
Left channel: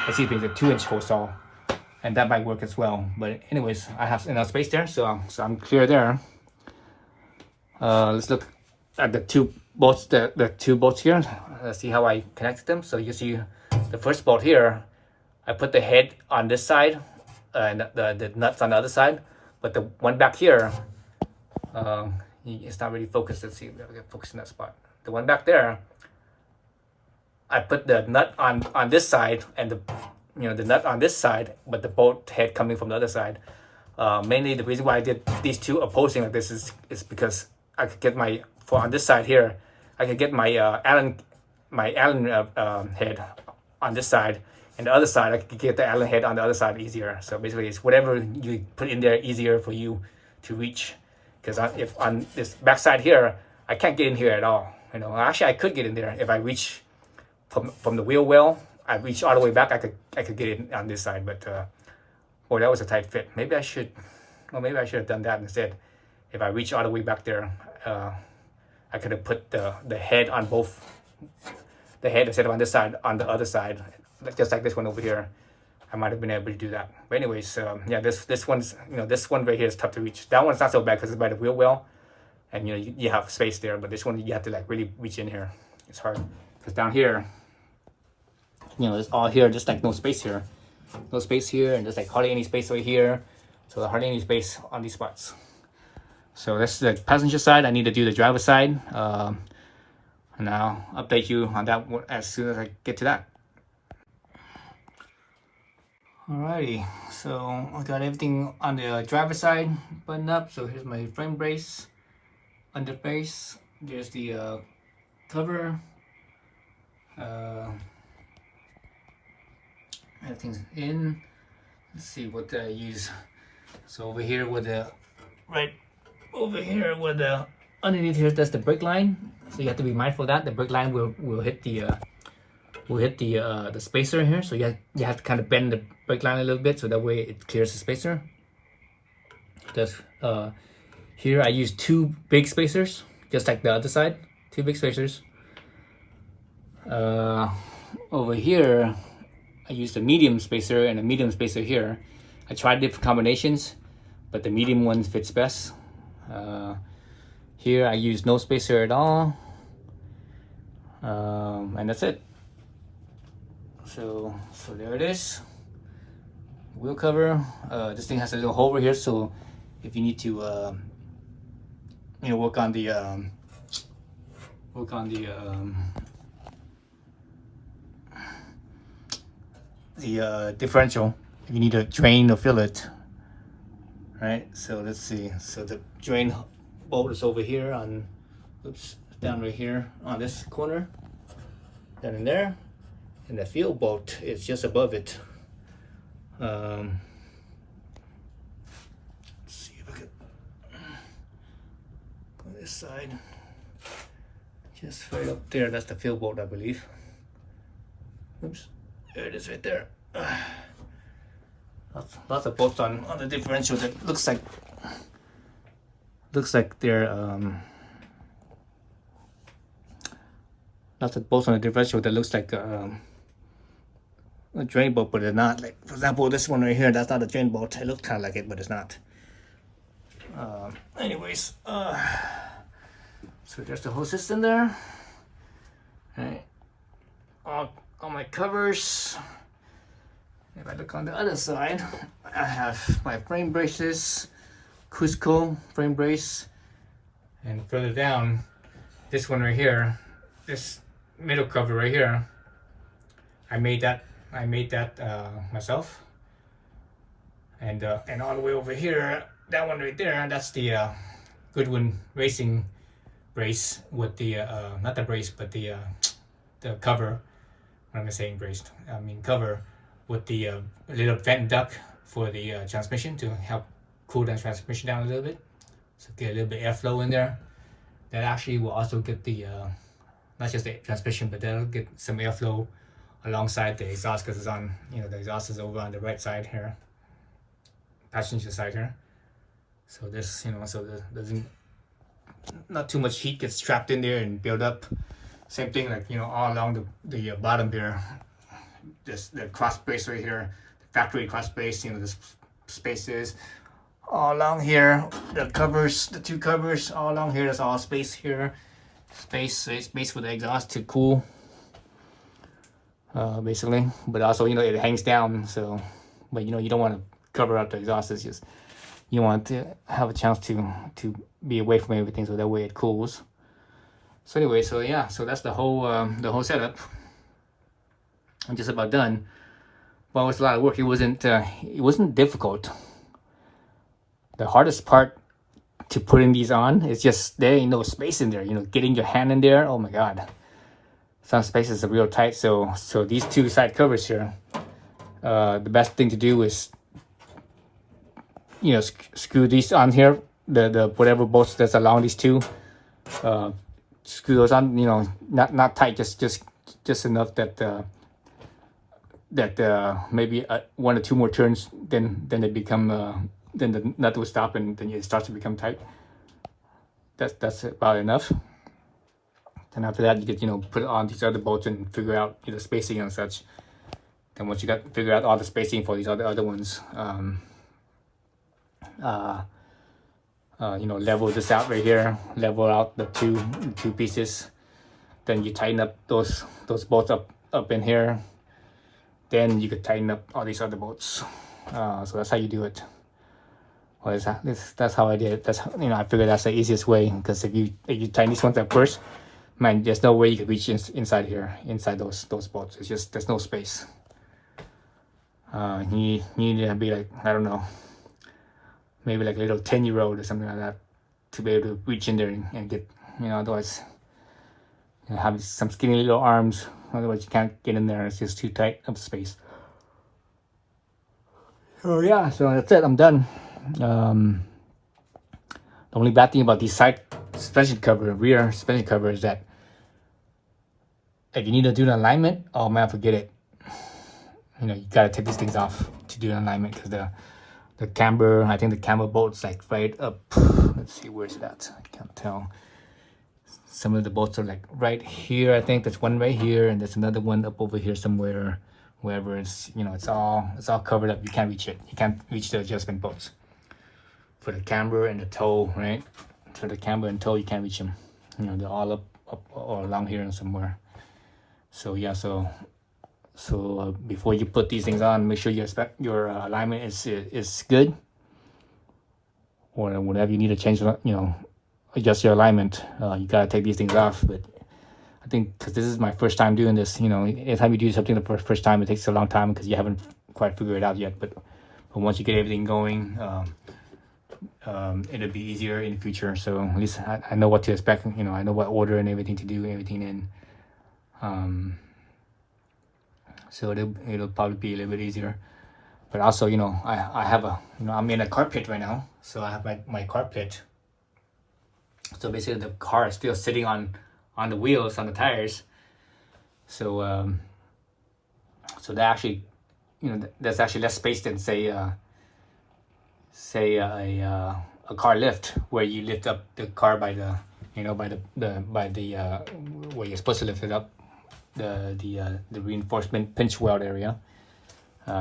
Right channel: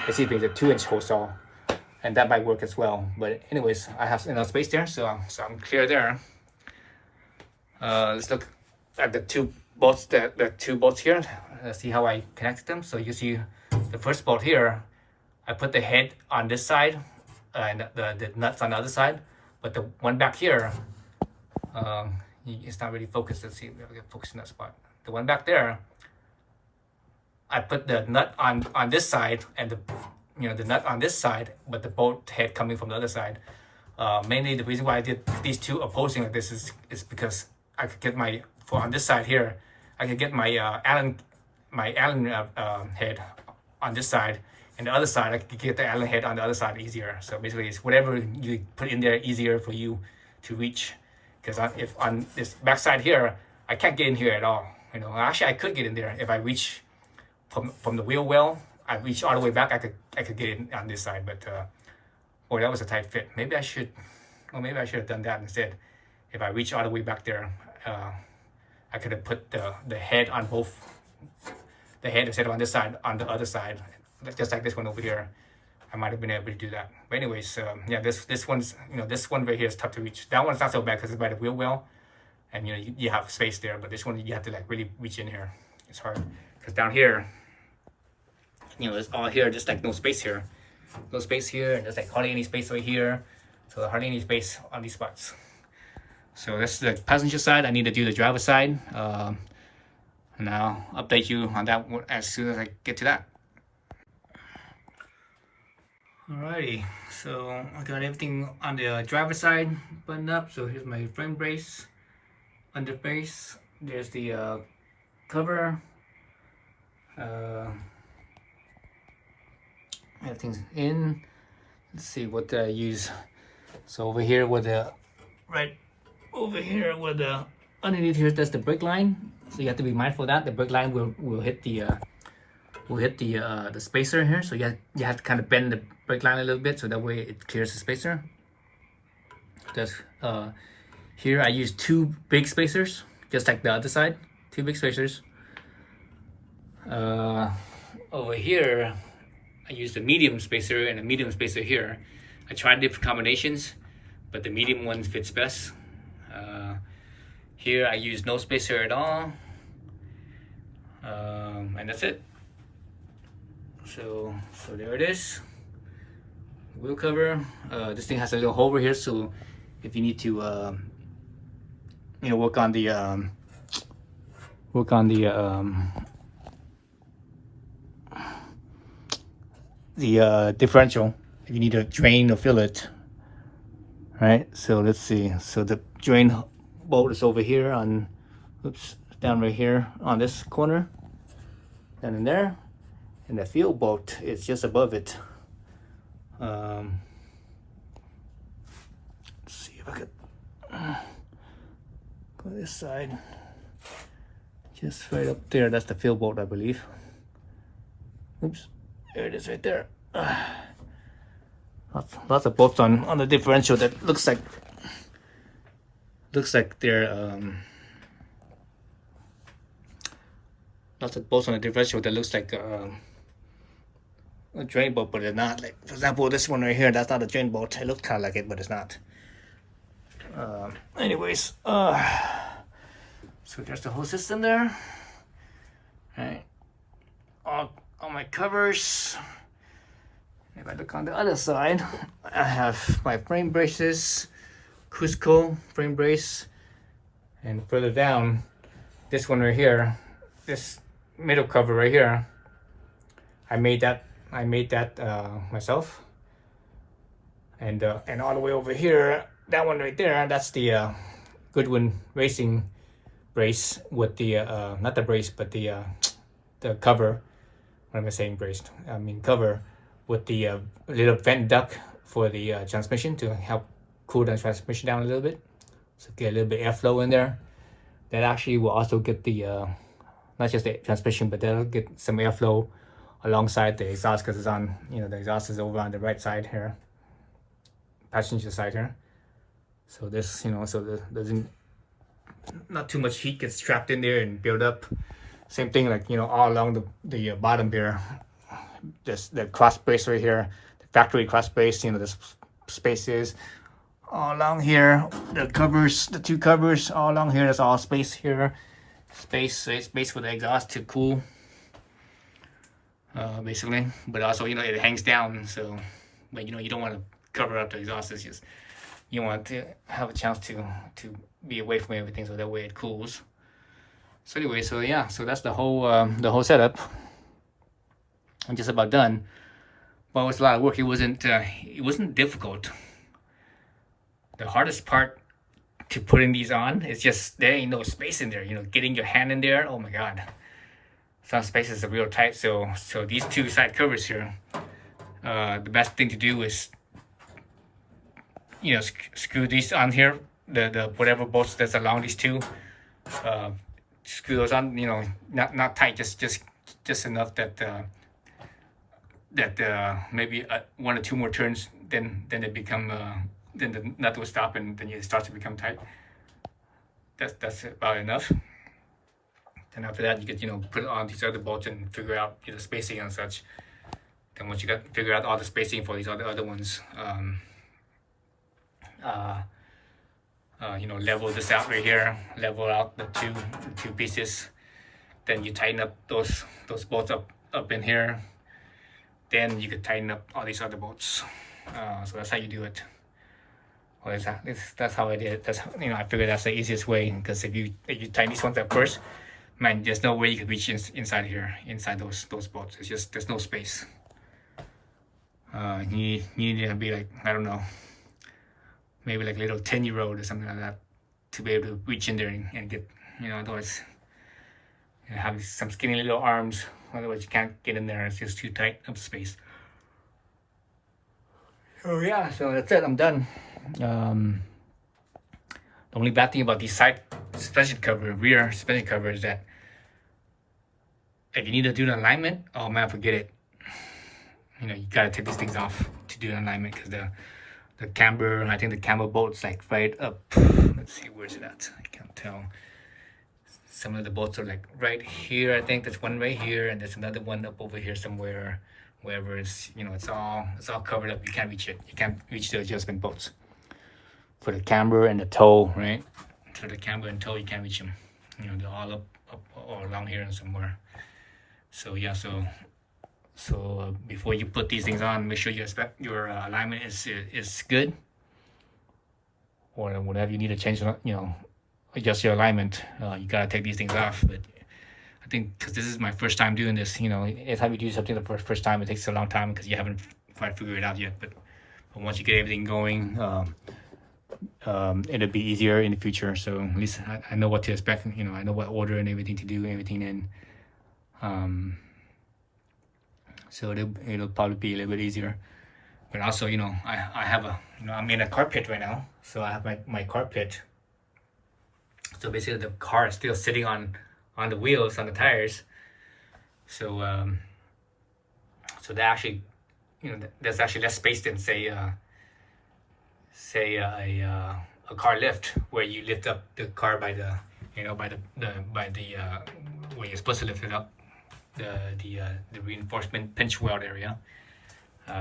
Let's see if there's a 2-inch hole saw, and that might work as well. But anyways, I have enough space there, so I'm clear there. Let's look at the two bolts, the two bolts here. Let's see how I connected them. So you see the first bolt here, I put the head on this side and the nuts on the other side, but the one back here, it's not really focused. Let's see if I can focus in that spot. The one back there, I put the nut on this side and the nut on this side, but the bolt head coming from the other side. Mainly the reason why I did these two opposing like this is because I could get on this side here, I could get my Allen head on this side, and the other side I could get the Allen head on the other side easier. So basically, it's whatever you put in there easier for you to reach. Because if on this back side here, I can't get in here at all. Actually I could get in there if I reach from the wheel well. I reach all the way back. I could get in on this side, but boy, that was a tight fit. Maybe I should have done that instead. If I reach all the way back there, I could have put the head on both. The head instead of on this side, on the other side, just like this one over here. I might have been able to do that. But anyways, yeah, this one's this one right here is tough to reach. That one's not so bad because it's by the wheel well, and you have space there. But this one you have to like really reach in here. It's hard because down here, it's all here, just like no space here, and there's like hardly any space right here. So hardly any space on these spots. So that's the passenger side. I need to do the driver side. And I'll update you on that as soon as I get to that. Alrighty, so I got everything on the driver side buttoned up. So here's my frame brace, under brace. There's the cover. Everything's in. Let's see what I use. So over here with the underneath here, that's the brake line. So you have to be mindful of that. The brake line will hit the spacer here. So you have to kind of bend the brake line a little bit so that way it clears the spacer. Just here I use 2 big spacers, just like the other side. 2 big spacers. Over here I use the medium spacer and a medium spacer here. I tried different combinations, but the medium ones fits best. Here I use no spacer at all, and that's it. So there it is. Wheel cover. This thing has a little hole over here, so if you need to, work on the differential, if you need to drain or fill it. Right. So let's see. So the drain bolt is over here down right here on this corner, down in there, and the fill bolt is just above it. Let's see if I could put this side, just right up there. That's the fill bolt, I believe. Oops, there it is right there. Lots of bolts on the differential that looks like they're lots of bolts on the differential that looks like a drain bolt, but they're not. Like, for example, this one right here, that's not a drain bolt. It looks kind of like it, but it's not. Anyways, so there's the whole system there. All right, all my covers. If I look on the other side, I have my frame braces, Cusco frame brace, and further down, this one right here, this middle cover right here, I made that myself. And all the way over here, that one right there, that's the Goodwin Racing brace with the not the brace, but the cover. What am I saying? Braced? I mean cover, with the little vent duct for the transmission to help cool the transmission down a little bit, so get a little bit airflow in there. That actually will also get the not just the transmission, but that'll get some airflow alongside the exhaust, because it's on, the exhaust is over on the right side here, passenger side here. So this, so there's not too much heat gets trapped in there and build up. Same thing, like, you know, all along the bottom here, this the cross brace right here, the factory cross brace, you know, this spaces all along here, the covers, the two covers all along here, there's all space here, space for the exhaust to cool, basically. But also, you know, it hangs down, so, but you know, you don't want to cover up the exhaust. It's just, you want to have a chance to be away from everything, so that way it cools. So anyway, so yeah, so that's the whole setup. I'm just about done. But it was a lot of work. It wasn't difficult. The hardest part to putting these on is just there ain't no space in there. You know, getting your hand in there. Oh my god, some spaces are real tight. So these two side covers here, the best thing to do is, you know, screw these on here. The whatever bolts that's along these two, screw those on. You know, not tight, just enough that maybe one or two more turns, then they become then the nut will stop, and then it starts to become tight. That's about enough. And after that, you could, you know, put on these other bolts and figure out, you know, spacing and such. Then once you figure out all the spacing for these other ones, you know, level this out right here, level out the two pieces. Then you tighten up those bolts up in here. Then you could tighten up all these other bolts. So that's how you do it. Well, that's how I did it. That's how, you know, I figured that's the easiest way, because if you tighten these ones up first, man, there's no way you could reach inside here, inside those bolts. It's just, there's no space. You need to be like, I don't know, maybe like a little 10-year-old or something like that to be able to reach in there and get, you know, otherwise, you know, have some skinny little arms. Otherwise you can't get in there. It's just too tight of space. So yeah, so that's it. I'm done. The only bad thing about these side suspension cover, rear suspension cover, is that if you need to do an alignment, oh man, forget it. You know, you gotta take these things off to do an alignment, because the camber, I think the camber bolt's like right up. Let's see, where's it at? I can't tell. Some of the bolts are like right here. I think there's one right here, and there's another one up over here somewhere. Wherever it's, you know, it's all covered up. You can't reach it. You can't reach the adjustment bolts for the camber and the toe, right? For the camber and toe, you can't reach them. You know, they're all up or along here and somewhere. So yeah, so before you put these things on, make sure your alignment is good, or whatever you need to change, you know, adjust your alignment. You gotta take these things off. But I think, because this is my first time doing this, you know, anytime you do something the first time, it takes a long time because you haven't quite figured it out yet. But once you get everything going, it'll be easier in the future. So at least I know what to expect. You know, I know what order and everything to do, everything in. So it'll probably be a little bit easier. But also, you know, I have you know, I'm in a car pit right now, so I have my car pit. So basically, the car is still sitting on the wheels, on the tires. So so that actually, you know, there's actually less space than say a car lift, where you lift up the car by the, you know, by the where you're supposed to lift it up, the reinforcement pinch weld area,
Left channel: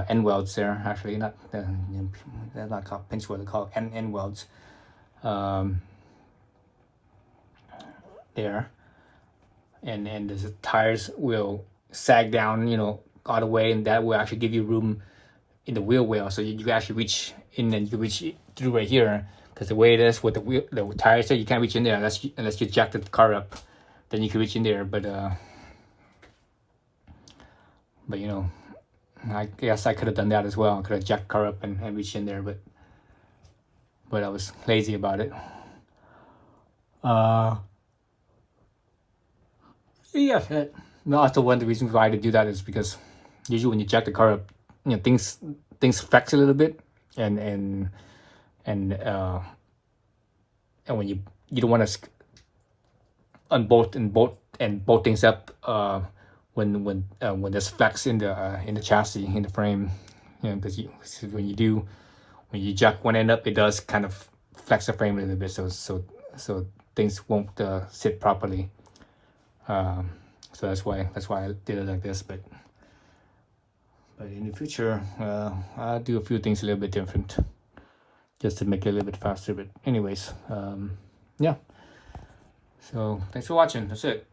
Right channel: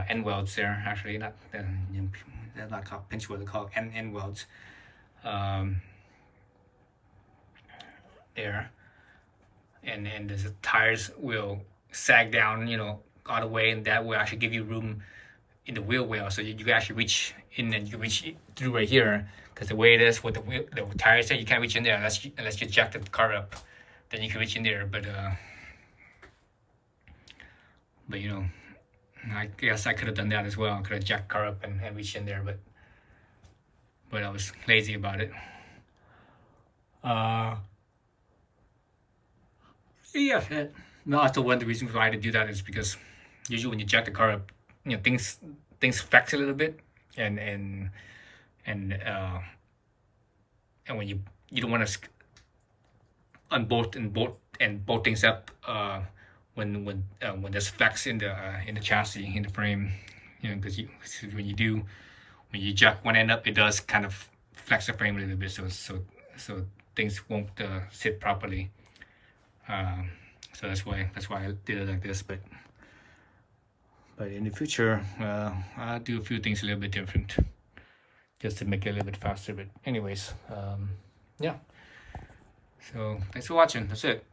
end welds there, actually, not they're not called pinch weld, they're called end welds, there. And the tires will sag down, you know, all the way, and that will actually give you room in the wheel well, so you can actually reach in, and you can reach through right here. Because the way it is with the tires there, you can't reach in there unless you jack the car up. Then you can reach in there, but you know, I guess I could have done that as well. I could have jacked the car up and reached in there, but I was lazy about it. Yeah, no, also one of the reasons why I had to do that is because usually when you jack the car up, you know, things flex a little bit, and when you don't want to unbolt and bolt things up when there's flex in the chassis, in the frame, you know, because when you jack one end up, it does kind of flex the frame a little bit, so things won't sit properly. So that's why I did it like this. But in the future, I'll do a few things a little bit different, just to make it a little bit faster. But anyways, yeah. So thanks for watching. That's it.